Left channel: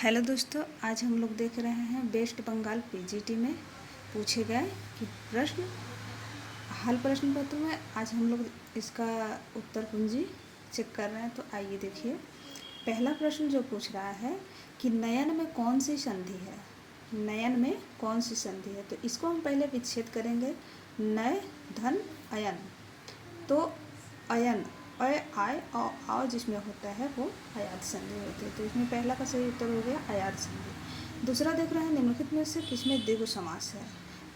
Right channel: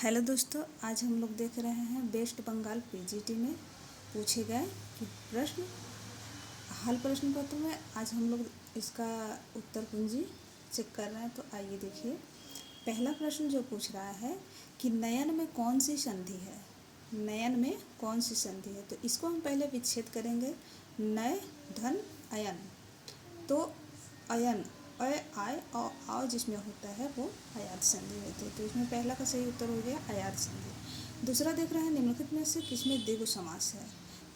Hello दोस्तों, आज हम लोग देख रहे हैं वेस्ट बंगाल पीजीटी में पूछे गए कि प्रश्न हल प्रश्न पत्र में। आज हम लोग इसका उत्तर कुंजी चेक कर रहे हैं। तो आइए देखिए, पहला प्रश्न जो पूछ रहा है कि नयन में कौन सी संधि है। नयन में कौन सी संधि है, तो इसको हम पहले विच्छेद करेंगे। नय धन अयन, तो अयन अय आय और आओ जिसमें होता है वो अयात संधि होती है। तो इसमें पहला का सही उत्तर हो गया अयात संधि। दूसरा देख रहे हैं निम्नलिखित में से किसमें द्विगु समास है।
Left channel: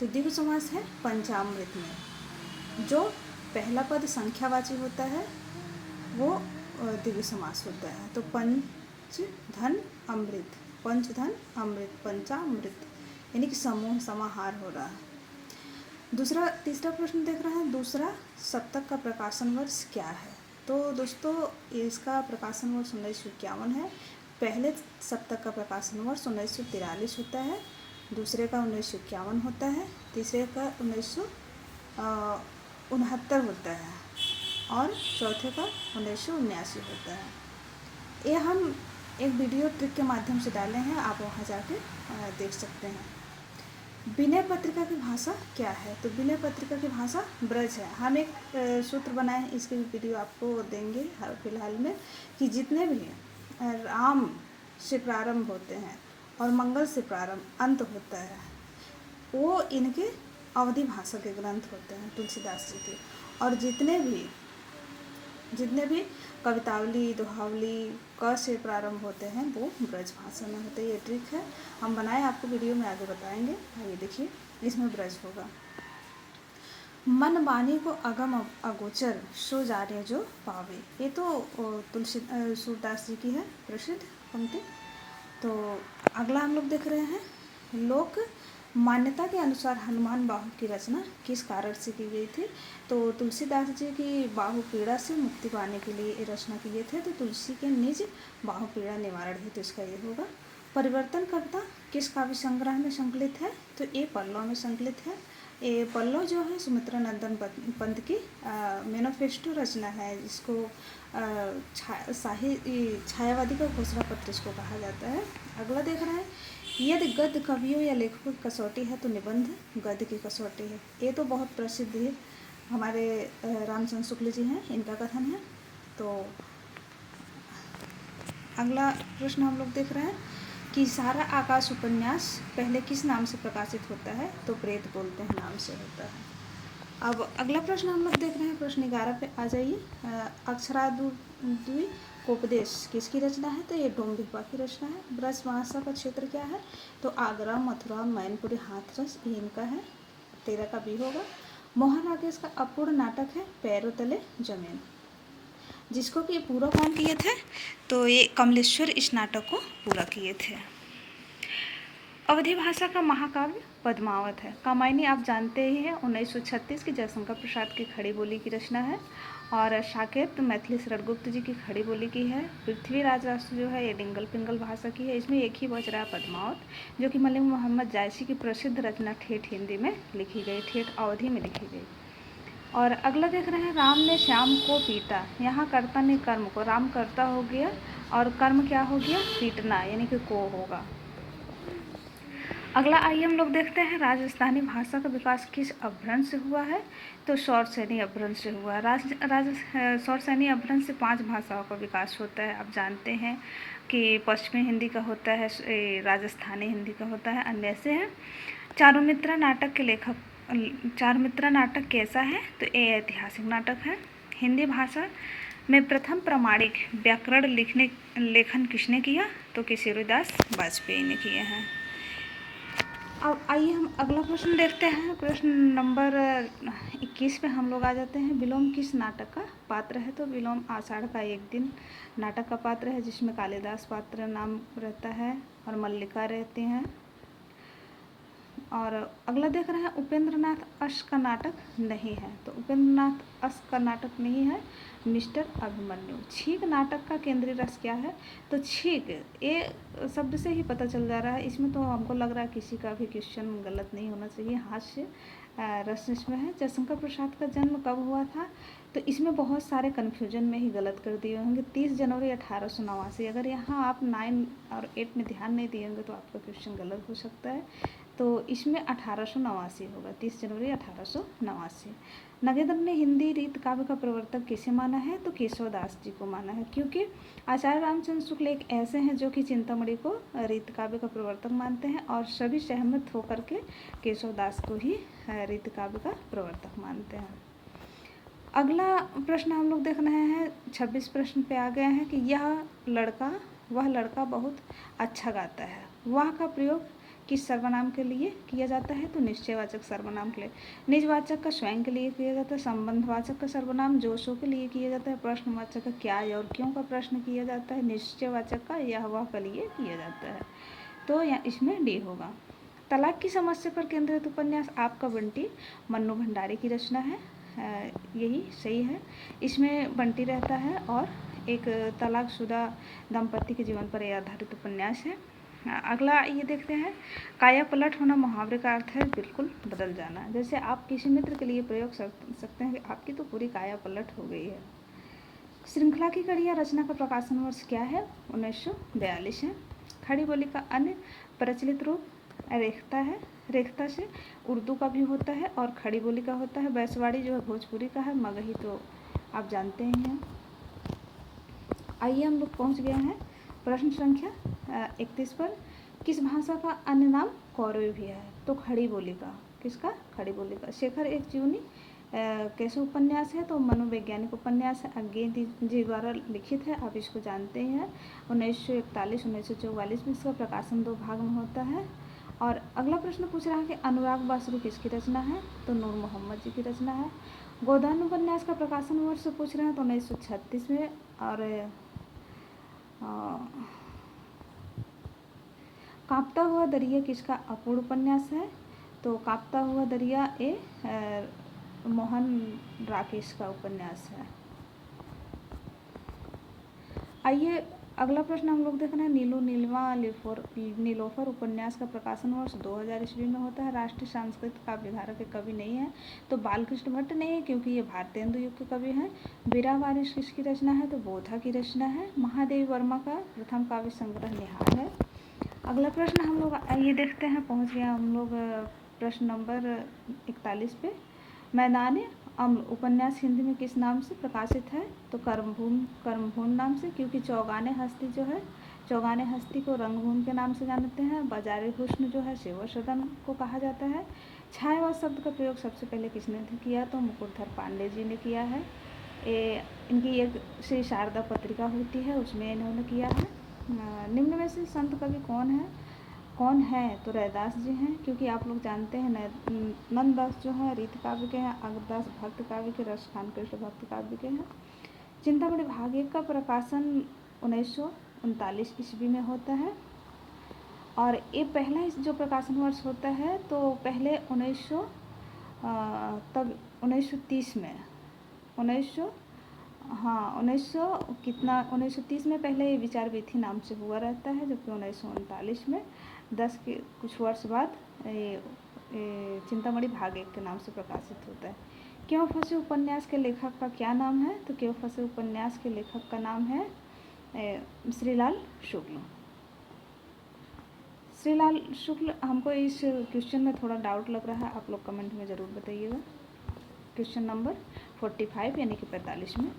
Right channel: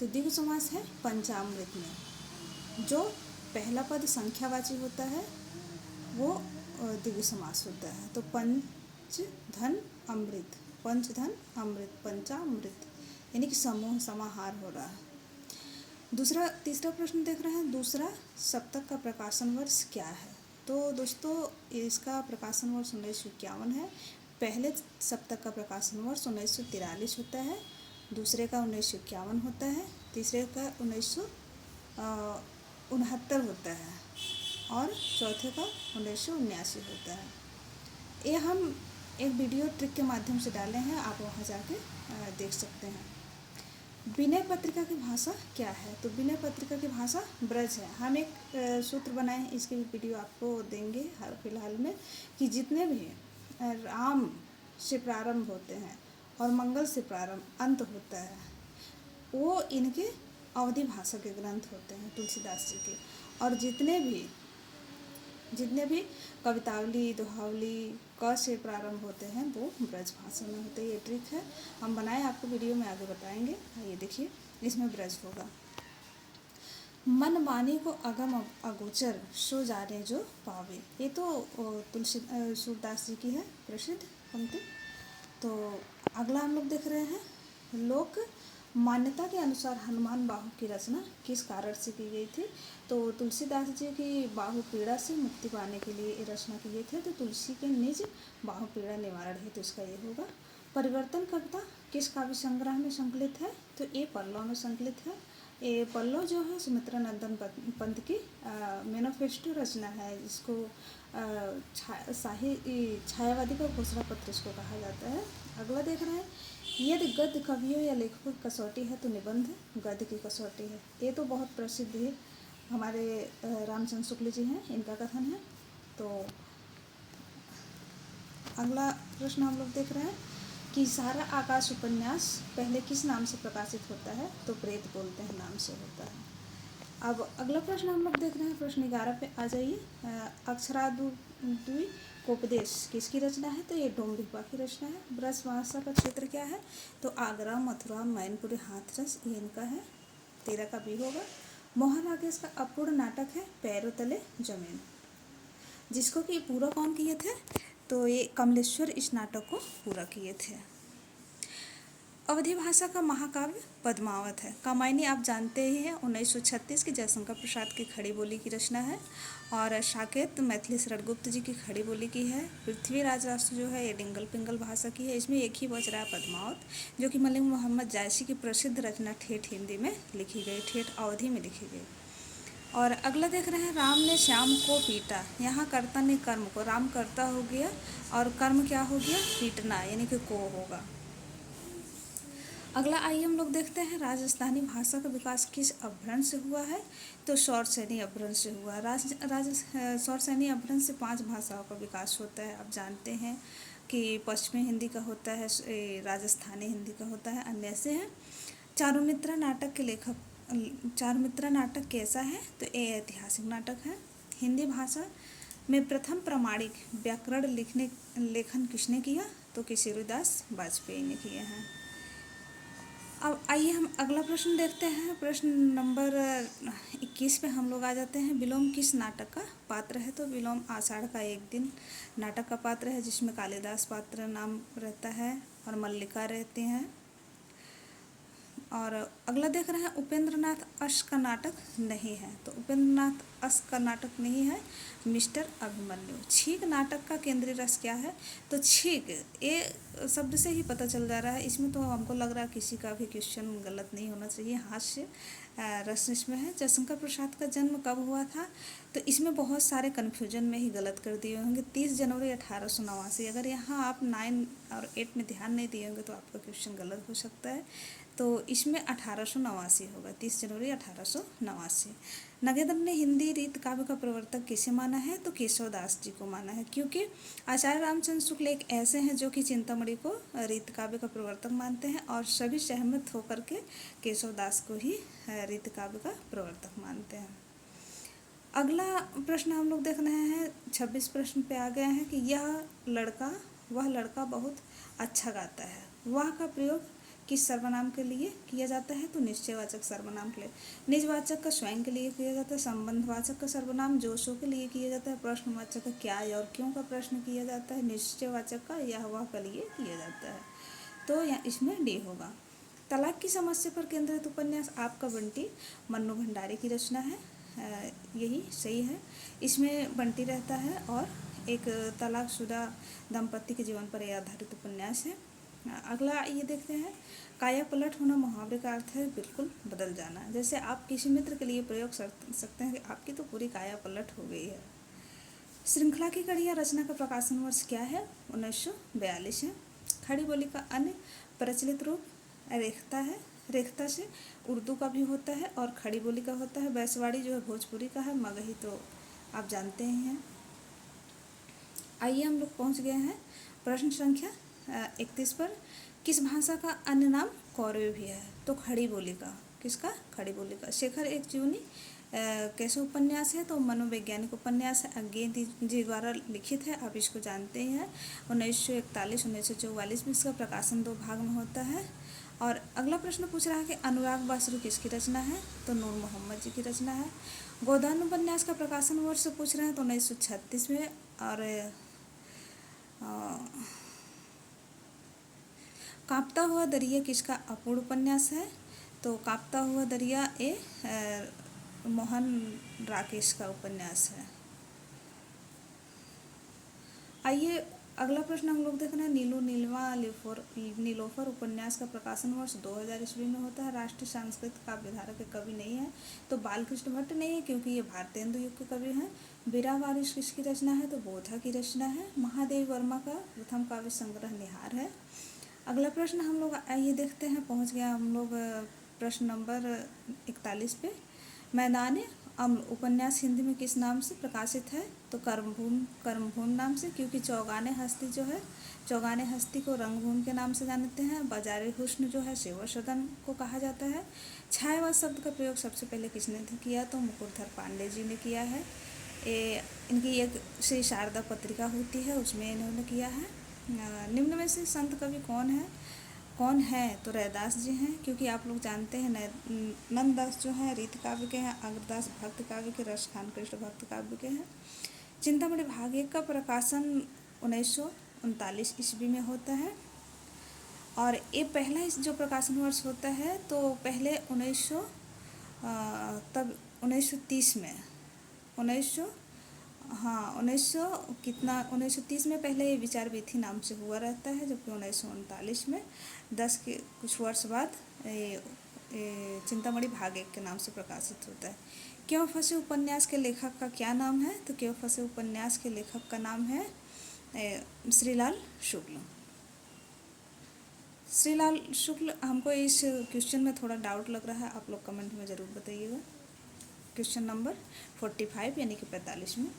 तो द्विगु समास है पंचामृत में। जो पहला पद संख्यावाची होता है वो द्विगु समास होता है। तो पंच धन अमृत, पंच धन अमृत, पंचामृत, यानी कि समूह समाहार हो रहा है। तीसरा प्रश्न देख रहे हैं, दूसरा सप्तक का प्रकाशन वर्ष क्या है। तो दोस्तों इसका प्रकाशन वर्ष 1951 है। पहले सप्तक का प्रकाशन वर्ष 1943 होता है, दूसरे का 1951 होता है, तीसरे का 1969 होता है और चौथे का 1979 होता है। ये हम एक वीडियो ट्रिक के माध्यम से डाले हैं, आप वहाँ जाके देख सकते हैं। विनय पत्रिका की भाषा क्या है। तो विनय पत्रिका की भाषा ब्रज है। हम एक सूत्र बनाए, इसकी वीडियो आपको देंगे फिलहाल में, कि जितने भी राम से प्रारंभ होते हैं और मंगल से प्रारंभ अंत होता है वो इनके अवधि भाषा के ग्रंथ होते हैं तुलसीदास जी के। और जितने भी कवितावली दोहावली क से प्रारंभ होते हैं वो ब्रज भाषा में होते हैं। ये ट्रिक है, हम बनाए, आपको वीडियो में आगे बताएंगे। ये देखिए, इसमें ब्रज होगा। मन वाणी को अगम अगोचर सो जाने जो पावे। ये तो सूरदास जी की है प्रसिद्ध पंक्ति। तो अगला हम लोग देख रहे हैं, लोक मान्यता के अनुसार हनुमान बाहु की रचना किस कारण से की गई थी। तो तुलसीदास जी की बाहु पीड़ा से मुक्ति पाने के लिए ये रचना किए थे। तो तुलसी के निज बाहु पीड़ा निवारण ही, तो इसका ये होगा। परिवर्तन कविता किस काव्य संग्रह में संकलित है। तो ये पल्लव में संकलित है। ये पल्लव जो है सुमित्रा नंदन पंत की मैनिफेस्टो रचना है, जिसको छायावादी का घोषणा पत्र इसको कहा जाता है। अगला देख रहे हैं, यदि गद्य कवियों या लेखकों की कसौटी है तो निबंध गद्य की कसौटी है। ये तो बहुत प्रसिद्ध है, हमारे रामचंद्र शुक्ल जी हैं, इनका कथन है। तो अगला प्रश्न हम लोग देख रहे हैं कि सारा आकाश उपन्यास पहले किस नाम से प्रकाशित होता है। तो प्रेत बोलते हैं नाम से होता है। अब अगला प्रश्न हम लोग देख रहे हैं, प्रश्न 11 पे आ जाइए। अक्षराद्वि उपदेश किसकी रचना है। तो ये डोम्बिपा की रचना है। ब्रज भाषा का क्षेत्र क्या है। तो आगरा, मथुरा, मैनपुरी, हाथरस, ये इनका है। 13 का भी होगा। मोहन राकेश का अपूर्ण नाटक है पैरों तले जमीन, जिसको कि पूरा कौन किए थे। तो ये कमलेश्वर इस नाटक को पूरा किए थे। अवधि भाषा का महाकाव्य पद्मावत है। कामायनी आप जानते ही हैं, 1936 की जयशंकर प्रसाद की खड़ी बोली की रचना है। और साकेत मैथिली शरदगुप्त जी की खड़ी बोली की है। पृथ्वीराज राष्ट्र जो है ये डिंगल पिंगल भाषा की है। इसमें एक ही बच रहा है पद्मावत, जो कि मलिक मोहम्मद जायसी की प्रसिद्ध रचना ठेठ हिंदी में लिखी गई, ठेठ अवधि में लिखी गई। और अगला देख रहे हैं, राम ने श्याम को पीटा। यहाँ कर्ता ने कर्म को, राम कर्ता हो गया और कर्म क्या हो गया, पीटना, यानी कि को होगा। अगला आइए हम लोग देखते हैं, राजस्थानी भाषा का विकास किस अपभ्रंश से हुआ है। तो सौरसैनी अपभ्रंश से हुआ। सौरसैनी अपभ्रंश से 5 भाषाओं का विकास होता है। आप जानते हैं कि पश्चिमी हिंदी का होता है, राजस्थानी हिंदी का होता है, अन्य से है। चारुमित्रा नाटक के लेखक, चारुमित्रा नाटक कैसा है। तो ये ऐतिहासिक नाटक है। हिंदी भाषा में प्रथम प्रामाणिक व्याकरण लेखन किसने किया। तो किशोरीदास वाजपेयी ने किए हैं। अब आइए हम अगला प्रश्न देखते हैं। प्रश्न नंबर 21 पे हम लोग आ जाते हैं। विलोम किस नाटक का पात्र है। तो विलोम आषाढ़ का एक दिन नाटक का पात्र है, जिसमें कालिदास पात्र नाम रहता है और मल्लिका रहती हैं। और अगला देख रहे हैं, उपेंद्रनाथ अश का नाटक नहीं है। तो उपेंद्रनाथ अश का नाटक नहीं है मिस्टर अभिमन्यु। छींक नाटक का केंद्रीय रस क्या है। तो छींक, ये शब्द से ही पता चल जा रहा है। इसमें तो हमको लग रहा है किसी का भी क्वेश्चन गलत नहीं होना चाहिए। हास्य प्रश्न इसमें है, जयशंकर प्रसाद का जन्म कब हुआ था? तो इसमें बहुत सारे कन्फ्यूजन में ही गलत कर दिए होंगे। 30 जनवरी 1889। अगर यहाँ आप 9 और 8 में ध्यान नहीं दिए होंगे तो आपका क्वेश्चन गलत हो सकता है। तो इसमें 1889 होगा, 30 जनवरी 1889। नगेंद्र ने हिंदी रीत काव्य का प्रवर्तक किसे माना है? तो केशव दास जी को माना है, क्योंकि आचार्य रामचंद्र शुक्ल एक ऐसे हैं जो कि चिंतामणि को रीत काव्य का प्रवर्तक मानते हैं और सभी सहमत होकर के केशव दास को ही रीत काव्य का प्रवर्तक मानते हैं। अगला प्रश्न हम लोग देख रहे हैं, 26 प्रश्न पे आ गए हैं कि वह लड़का बहुत अच्छा गाता है। वह का प्रयोग किस सर्वनाम के लिए किया जाता है? तो निश्चयवाचक सर्वनाम के लिए। निजवाचक का स्वयं के लिए किया जाता है। संबंधवाचक का सर्वनाम जो सो के लिए किया जाता है। प्रश्नवाचक का क्या और क्यों का प्रश्न किया जाता है। निश्चयवाचक का यह वह के लिए किया जाता है। तो यहाँ इसमें डी होगा। तलाक की समस्या पर केंद्रित उपन्यास आपका बंटी मन्नू भंडारी की रचना है। यही सही है। इसमें बंटी रहता है और एक तलाकशुदा दंपति के जीवन पर यह आधारित उपन्यास है। अगला ये देखते हैं, काया पलट होना मुहावरे का अर्थ है बिल्कुल बदल जाना। जैसे आप किसी मित्र के लिए प्रयोग कर सकते हैं कि आपकी तो पूरी काया पलट हो गई है। श्रृंखला की कड़ियाँ रचना का प्रकाशन वर्ष क्या है? 1942 है। खड़ी बोली का अन्य प्रचलित रूप रेखता है। रेखता से उर्दू का भी होता है और खड़ी बोली का होता है। बैसवाड़ी जो है भोजपुरी का है। मगही तो आप जानते ही हैं। आइए हम लोग पहुँच गए हैं प्रश्न संख्या 31 पर। किस भाषा का अन्य नाम कौरवी भी है? तो खड़ी बोली का। किसका? खड़ी बोली का। शेखर एक जीवनी कैसे उपन्यास है? तो मनोवैज्ञानिक उपन्यास है, अज्ञे जी द्वारा लिखित है, आप इसको जानते ही हैं। 1941 1944 में इसका प्रकाशन 2 भाग में होता है। और अगला प्रश्न पूछ रहा है कि अनुराग बासुरी किसकी रचना है? तो नूर मोहम्मद जी की रचना है। गोदान उपन्यास का प्रकाशन वर्ष पूछ रहे हैं तो 1936 में। और कांपता हुआ दरिया किसका अपूर्ण उपन्यास है? तो कांपता हुआ दरिया मोहन राकेश का उपन्यास है। आइए अगला प्रश्न हम लोग देख रहे हैं, नीलू नीलवा नीलोफर उपन्यास का प्रकाशन वर्ष 2000 ईस्वी में होता है। राष्ट्रीय सांस्कृतिक काव्यधारा के कवि नहीं है तो बालकृष्ण भट्ट नहीं है, क्योंकि ये भारतेंदु युग के कवि हैं। बीरा वारिस किसकी रचना है? तो बोधा की रचना है। महादेव वर्मा का प्रथम काव्य संग्रह निहार है। अगला प्रश्न हम लोग ये देखते हैं, पहुँच गया हम लोग प्रश्न नंबर 41 पे। मैदान अम्ल उपन्यास हिंदी में किस नाम से प्रकाशित है? तो कर्मभूमि नाम से, क्योंकि चौगाने हस्ती जो है, चौगाने हस्ती को रंगभूमि के नाम से जानते हैं। बाजारी हुस्न जो है सेवा सदन को कहा जाता है। छायावाद शब्द का प्रयोग सबसे पहले किसने किया? तो मुकुटधर पांडे जी ने किया है। इनकी एक श्री शारदा पत्रिका होती है, उसमें इन्होंने किया है। निम्न में से संत कवि कौन है? तो रैदास जी हैं, क्योंकि आप लोग जानते हैं नंददास जो है रीत काव्य के हैं, अग्रदास भक्त काव्य के, रसखान कृष्ण भक्त काव्य के हैं। चिंतामणि भाग 1 का प्रकाशन 1939 ईस्वी में होता है। और ये पहला जो प्रकाशन वर्ष होता है तो पहले 1930 में 1930 में पहले ये विचार विधि नाम से हुआ रहता है, जबकि 1939 में 10 के कुछ वर्ष बाद चिंतामणि भाग 1 के नाम से प्रकाशित होता है। क्यों फंसे उपन्यास के लेखक का क्या नाम है? तो क्यों फंसे उपन्यास के लेखक का नाम है श्रीलाल शुक्ल। श्रीलाल शुक्ल, हमको इस क्वेश्चन में थोड़ा डाउट लग रहा है, आप लोग कमेंट में ज़रूर बताइएगा। क्वेश्चन नंबर 45 यानी कि 45 में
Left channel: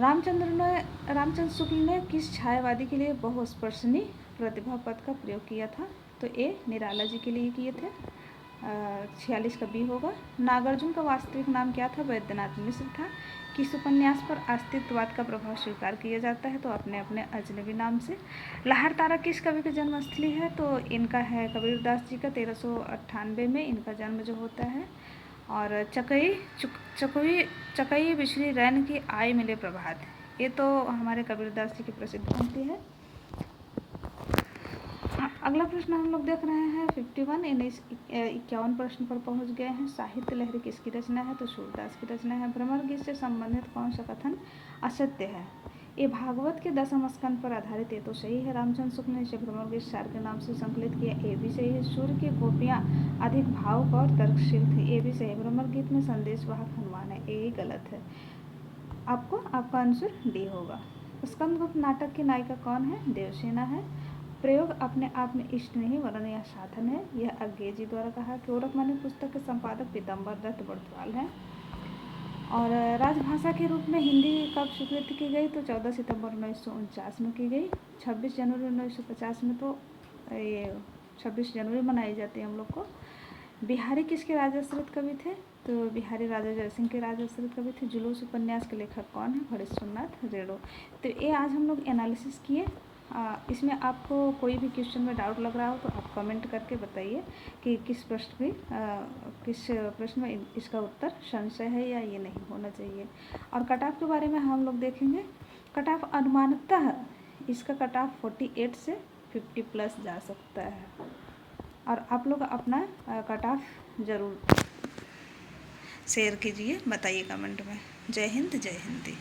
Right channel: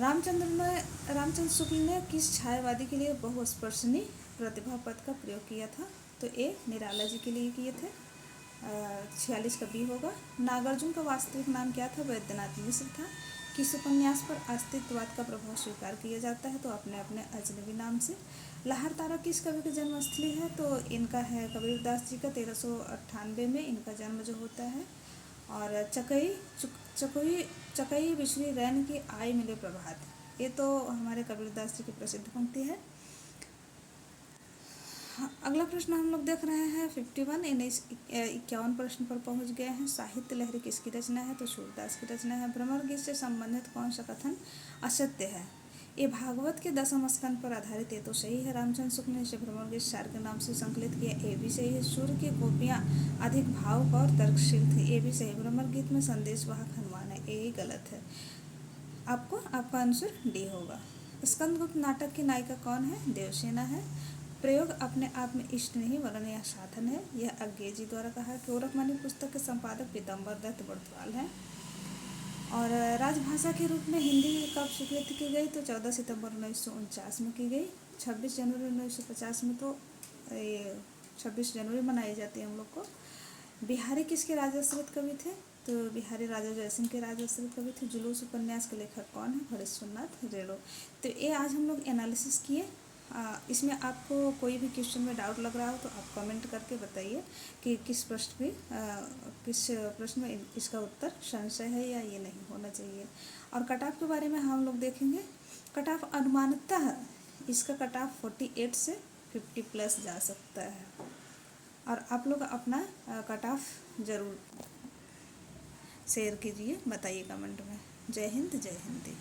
रामचंद्र शुक्ल ने किस छायावादी के लिए बहुस्पर्शनीय प्रतिभा पद का प्रयोग किया था? तो ये निराला जी के लिए किए थे। 46 का बी होगा। नागार्जुन का वास्तविक नाम क्या था? वैद्यनाथ मिश्र था। किस उपन्यास पर अस्तित्ववाद का प्रभाव स्वीकार किया जाता है? तो अपने अपने अजनबी नाम से। लहर तारा किस कवि की जन्मस्थली है? तो इनका है कबीरदास जी का 1398 में इनका जन्म जो होता है। और चकई बिछड़ी रैन की आय मिले प्रभात, ये तो हमारे कबीरदास जी की प्रसिद्ध पंक्ति है। अगला प्रश्न हम लोग देख रहे हैं 51 51 प्रश्न पर पहुंच गए हैं। साहित्य लहरी किसकी रचना है? तो सूरदास की रचना है। भ्रमर गीत से संबंधित कौन सा कथन असत्य है? ये भागवत के 10वें स्कंद पर आधारित है तो सही है। रामचंद्र शुक्ल ने इसे भ्रमर गीत सार के नाम से संकलित किया, ये भी सही है। सूर्य की गोपियाँ अधिक भावुक और तर्कशील थी, ये भी सही। भ्रमर गीत में संदेशवाहक हनुमान है, ये गलत है। आपका आंसर डी होगा। स्कंदगुप्त नाटक की नायिका कौन है? देवसेना है। प्रयोग अपने आप में इष्ट नहीं वरन यह साधन है, यह अज्ञे द्वारा कहा। गोरखमणि पुस्तक के संपादक पीताम्बर दत्त बड़थवाल हैं। और राजभाषा के रूप में हिंदी कब स्वीकृत की गई? तो 14 सितंबर 1949 में की गई। 26 जनवरी 1950 में तो ये 26 जनवरी मनाई जाती है हम लोग को। बिहारी किसके राजाश्रित कवि थे? तो बिहारी राजा जयसिंह के राजाश्रित कवि थे। जुलूस उपन्यास के लेखक कौन है? हरीश्वरनाथ रेणु। तो ये आज हम लोग एनालिसिस किए। इसमें आपको कोई भी क्वेश्चन में डाउट लग रहा हो तो आप कमेंट करके बताइए कि किस प्रश्न में इसका उत्तर संशय है या ये नहीं होना चाहिए। और कट ऑफ के बारे में हम लोग देखेंगे। कट ऑफ अनुमानतः इसका कट ऑफ 48 से 50 प्लस जा सकता है। और आप लोग अपना कट ऑफ ज़रूर शेयर कीजिए, बताइए कमेंट में। जय हिंद, जय हिंदी।